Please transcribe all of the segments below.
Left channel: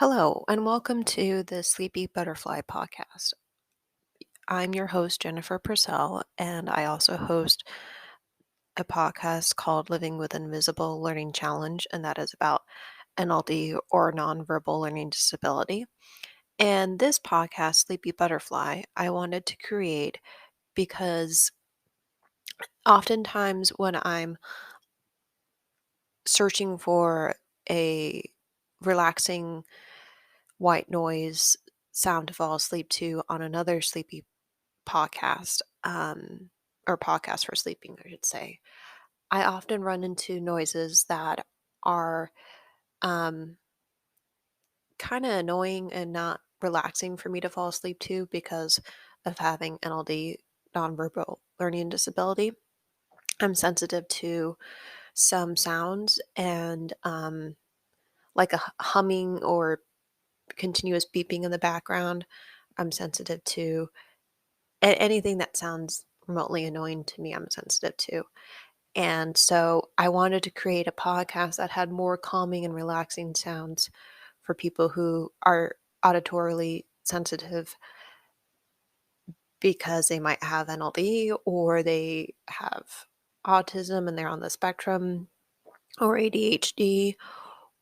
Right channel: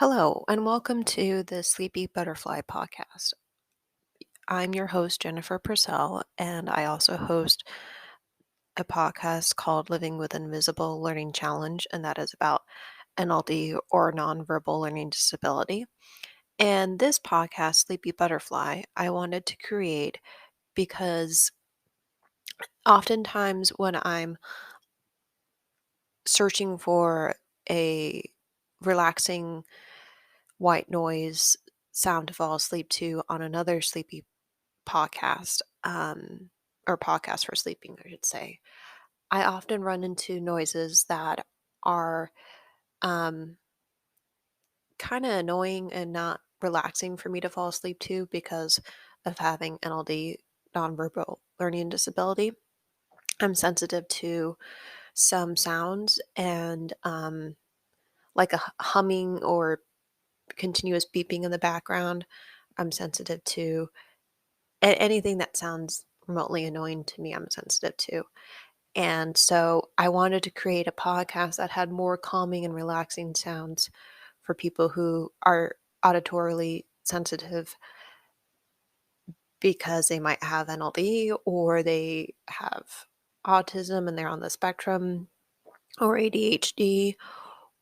Hello, and welcome to the Sleepy Butterfly podcast. I'm your host, Jennifer Purcell, and I also host a podcast called Living with Invisible Learning Challenge, and that is about NLD or nonverbal learning disability. And this podcast, Sleepy Butterfly, I wanted to create because oftentimes when I'm searching for a relaxing white noise sound to fall asleep to on another sleepy podcast, or podcast for sleeping, I should say, I often run into noises that are um, kind of annoying and not relaxing for me to fall asleep to because of having NLD, nonverbal learning disability. I'm sensitive to some sounds and like a humming or continuous beeping in the background. I'm sensitive to anything that sounds remotely annoying to me. I'm sensitive to. And so I wanted to create a podcast that had more calming and relaxing sounds for people who are auditorily sensitive because they might have NLD or they have autism and they're on the spectrum or ADHD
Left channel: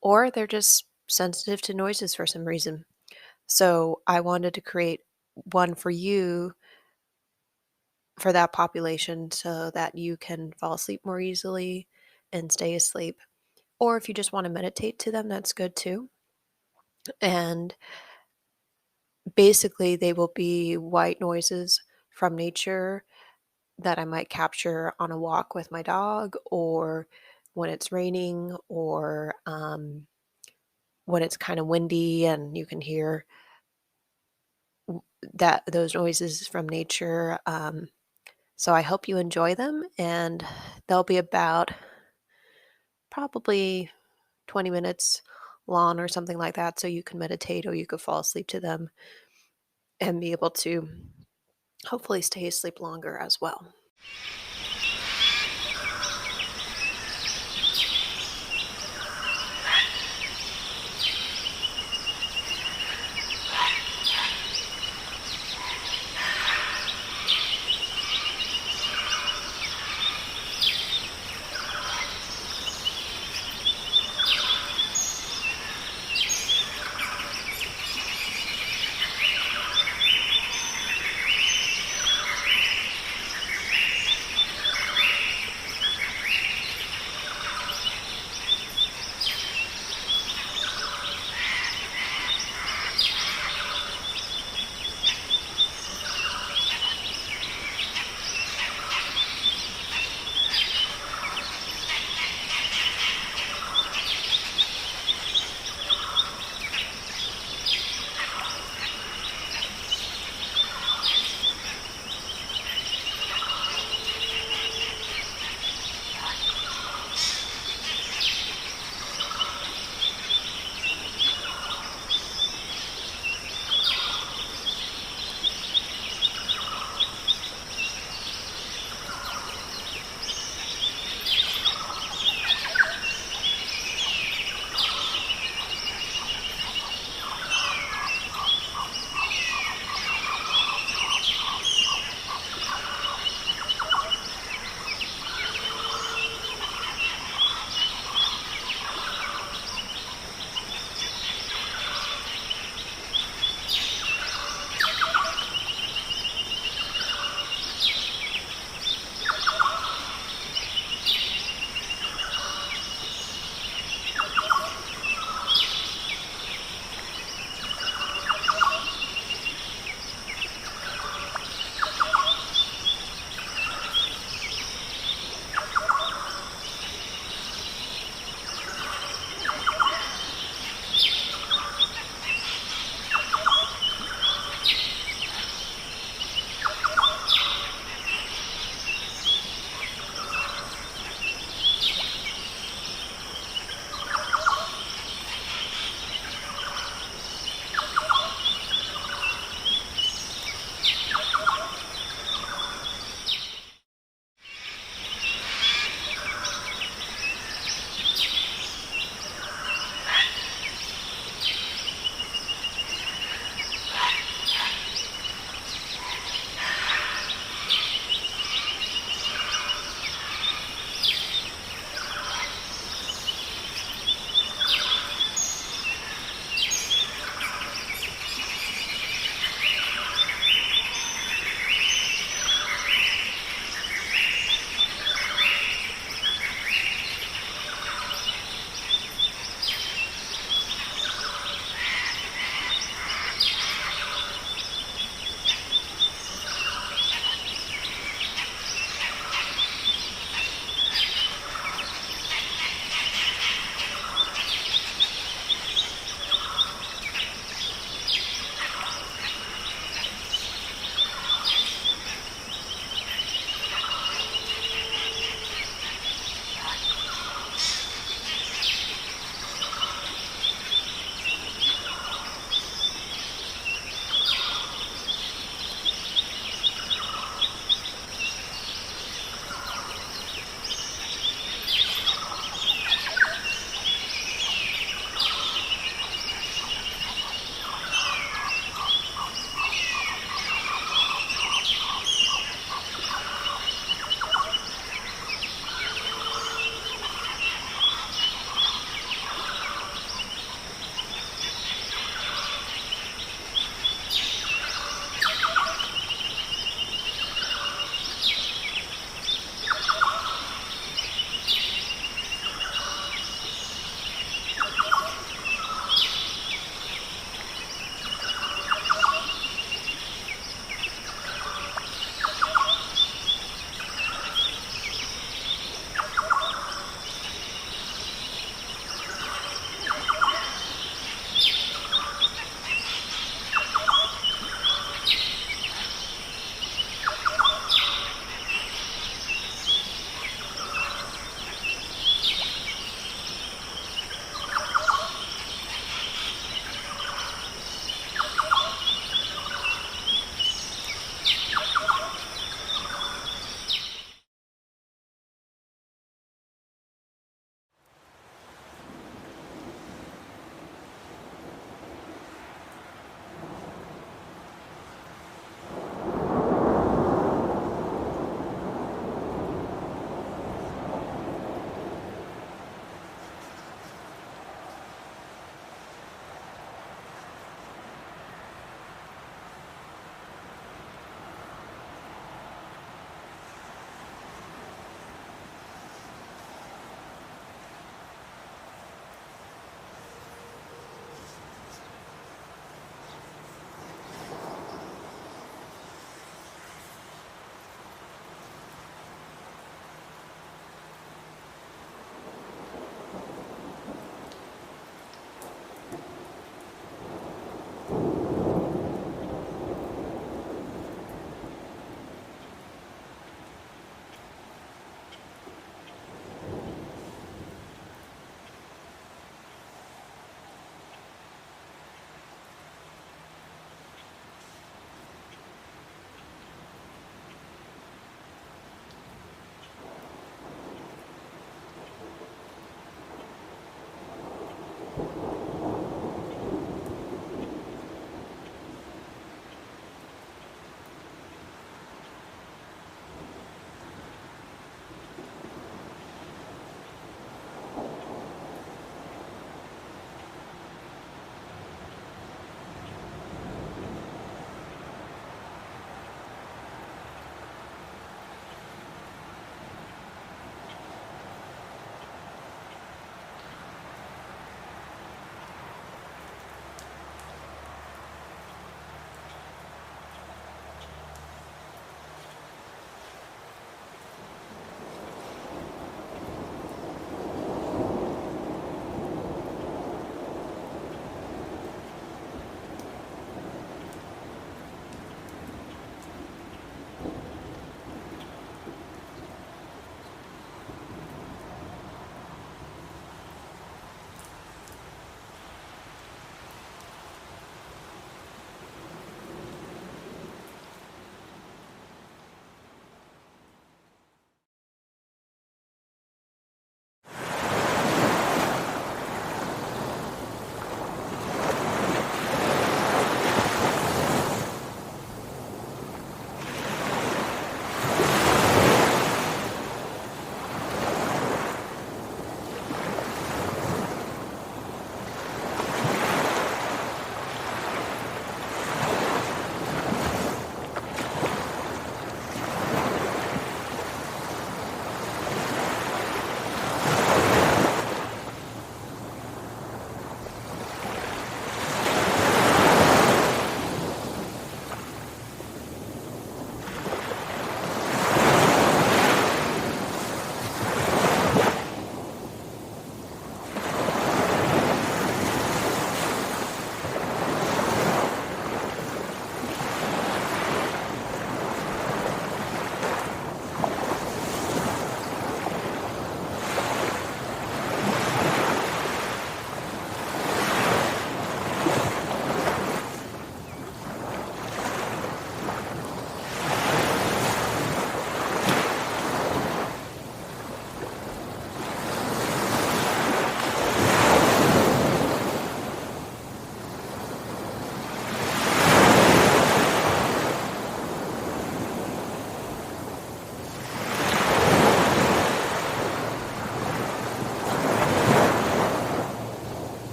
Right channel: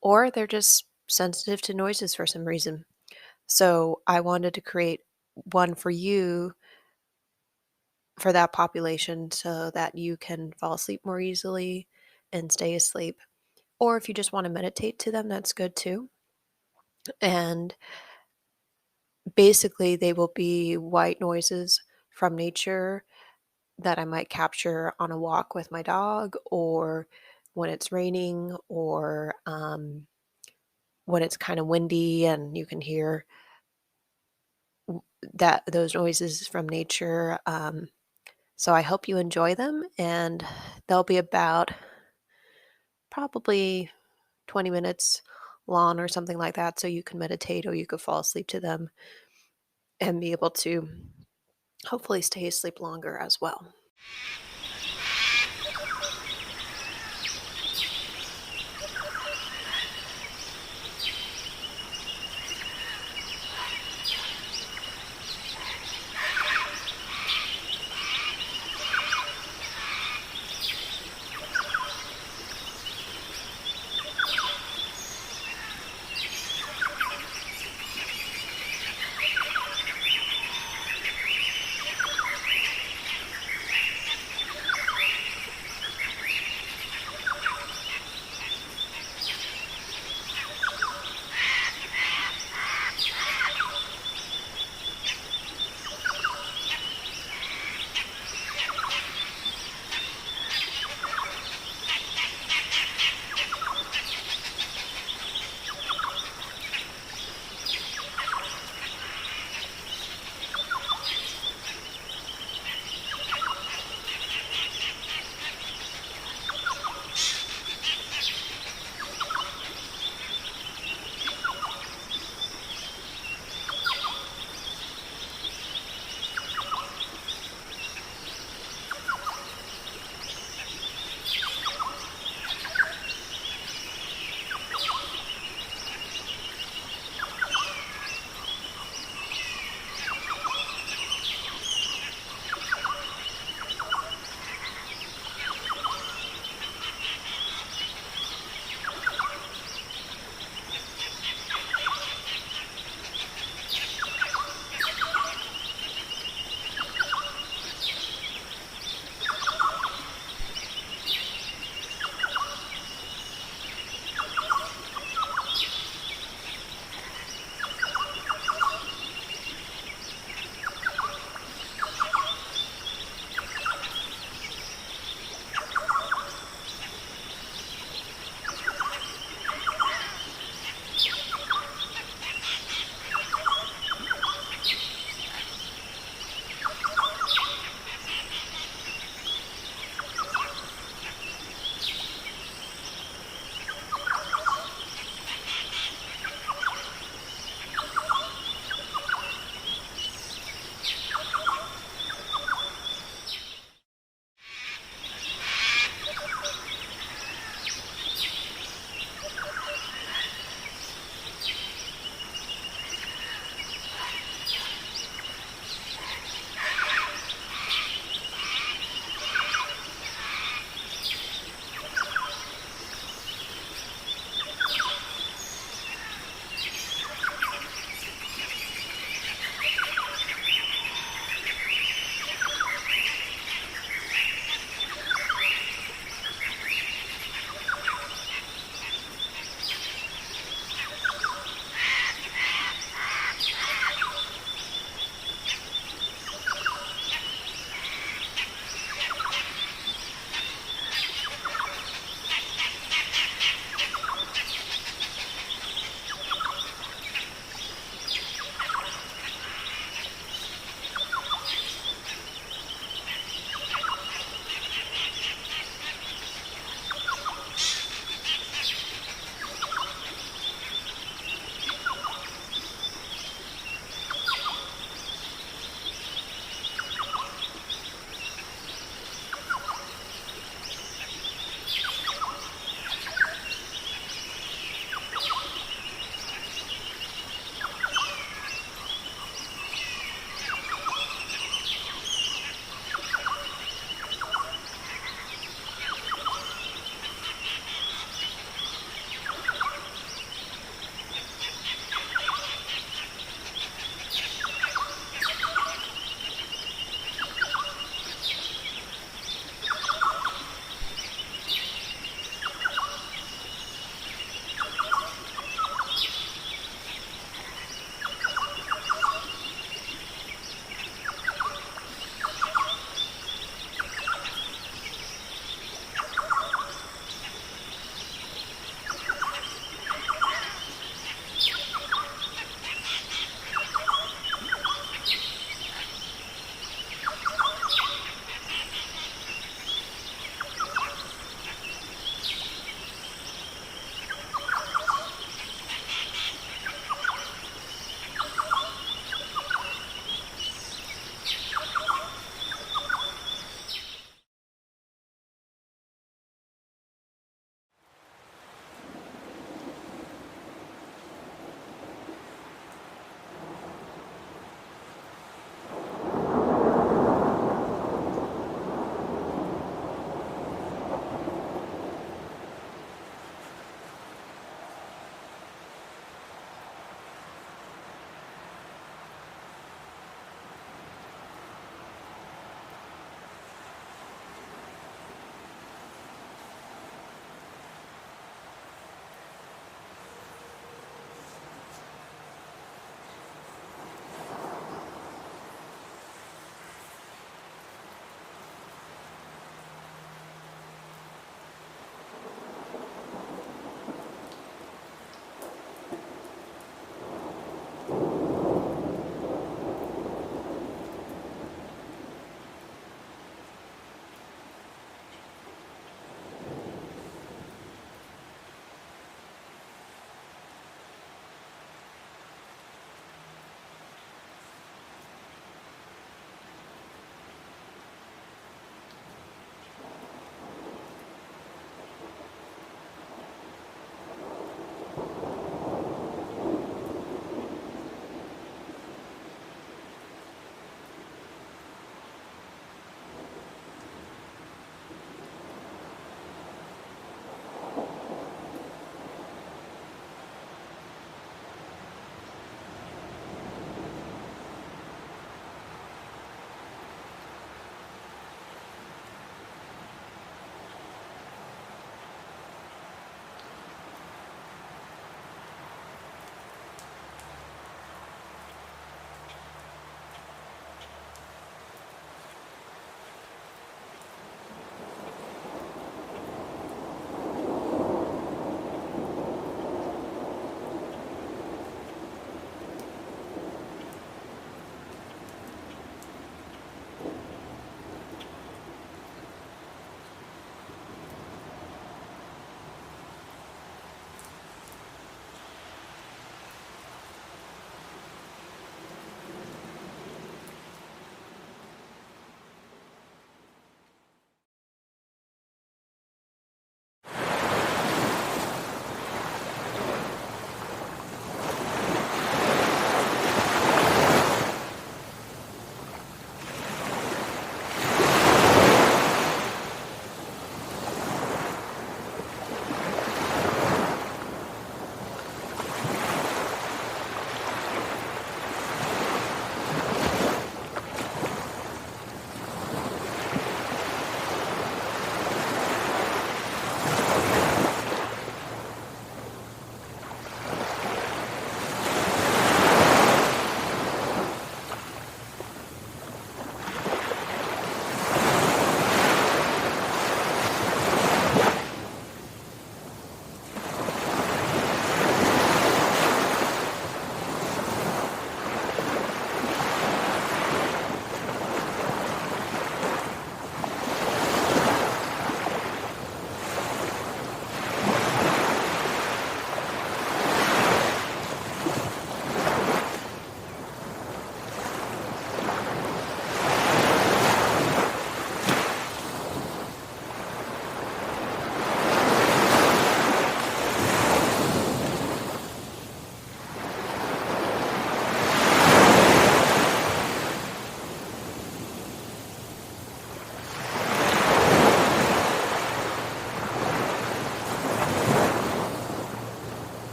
or they're just sensitive to noises for some reason. So I wanted to create one for you for that population so that you can fall asleep more easily and stay asleep. Or if you just want to meditate to them, that's good too. And basically, they will be white noises from nature that I might capture on a walk with my dog, or when it's raining, or when it's kind of windy and you can hear that those noises from nature. So I hope you enjoy them, and they'll be about probably 20 minutes long or something like that, so you can meditate or you could fall asleep to them and be able to hopefully stay asleep longer as well.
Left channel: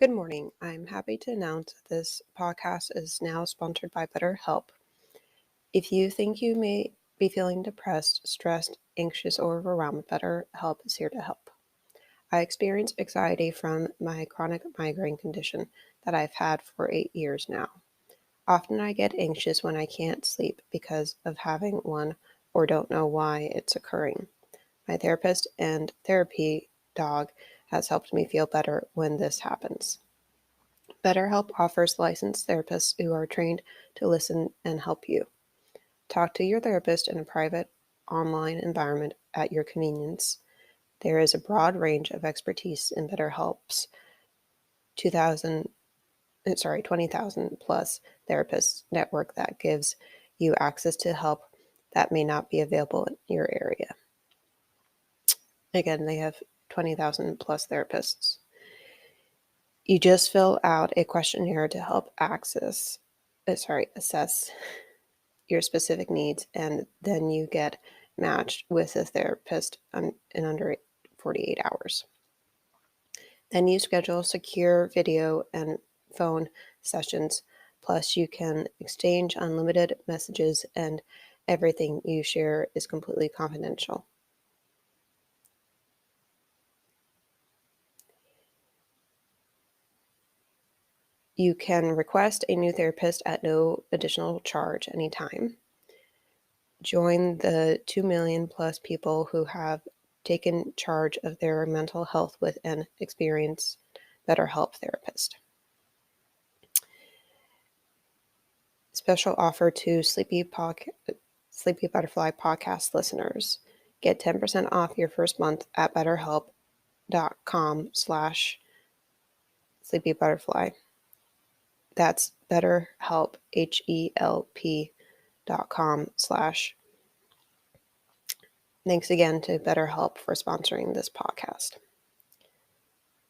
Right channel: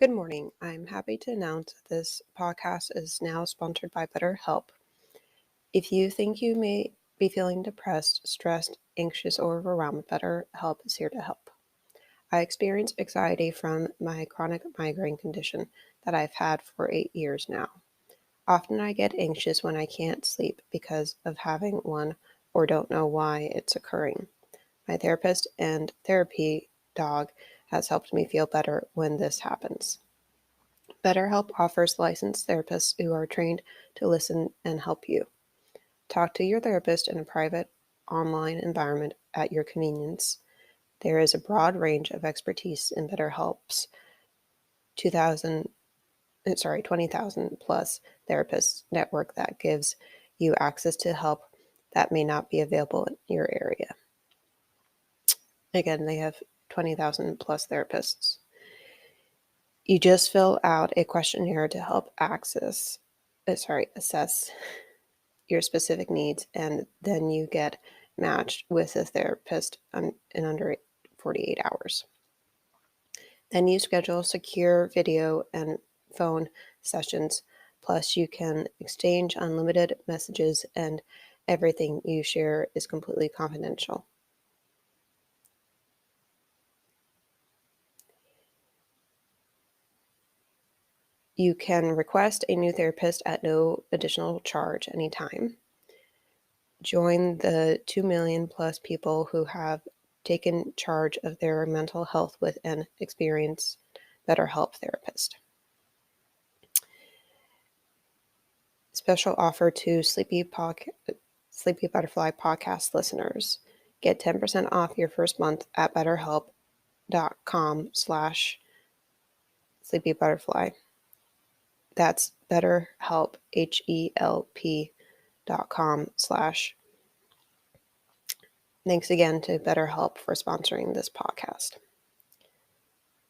Good morning. I'm happy to announce that this podcast is now sponsored by BetterHelp. If you think you may be feeling depressed, stressed, anxious, or overwhelmed, BetterHelp is here to help. I experience anxiety from my chronic migraine condition that I've had for 8 years now. Often I get anxious when I can't sleep because of having one or don't know why it's occurring. My therapist and therapy dog has helped me feel better when this happens. BetterHelp offers licensed therapists who are trained to listen and help you. Talk to your therapist in a private online environment at your convenience. There is a broad range of expertise in BetterHelp's 20,000 plus therapists network that gives you access to help that may not be available in your area. Again, they have 20,000 plus therapists. You just fill out a questionnaire to help assess your specific needs, and then you get matched with a therapist in under 48 hours. Then you schedule secure video and phone sessions, plus you can exchange unlimited messages, and everything you share is completely confidential. You can request a new therapist at no additional charge anytime. Join the 2 million plus people who have taken charge of their mental health with an experienced BetterHelp therapist. Special offer to Sleepy Butterfly podcast listeners. Get 10% off your first month at betterhelp.com/sleepybutterfly. That's BetterHelp, HELP.com/. Thanks again to BetterHelp for sponsoring this podcast.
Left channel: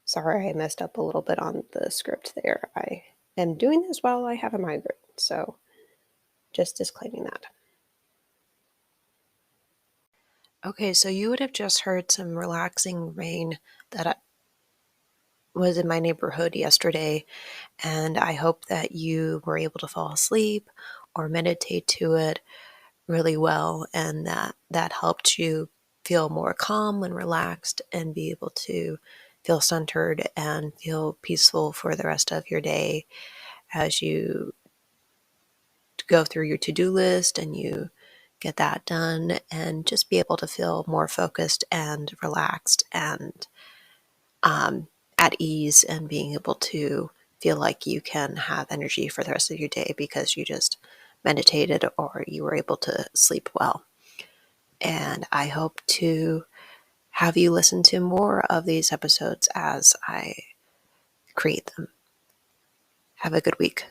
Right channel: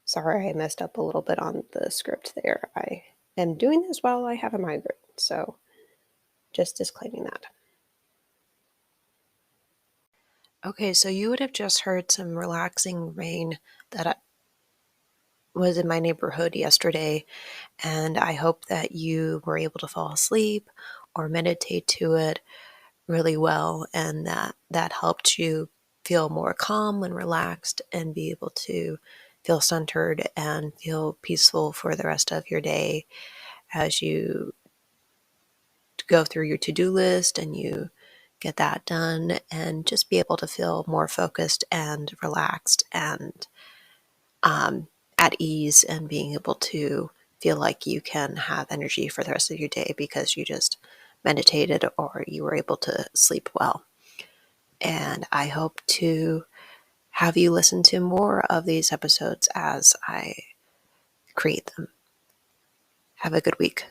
Sorry I messed up a little bit on the script there. I am doing this while I have a migraine, so just disclaiming that. Okay, so you would have just heard some relaxing rain that was in my neighborhood yesterday, and I hope that you were able to fall asleep or meditate to it really well, and that helped you feel more calm and relaxed and be able to feel centered and feel peaceful for the rest of your day as you go through your to-do list and you get that done, and just be able to feel more focused and relaxed and at ease, and being able to feel like you can have energy for the rest of your day because you just meditated or you were able to sleep well. And I hope to have you listen to more of these episodes as I create them. Have a good week.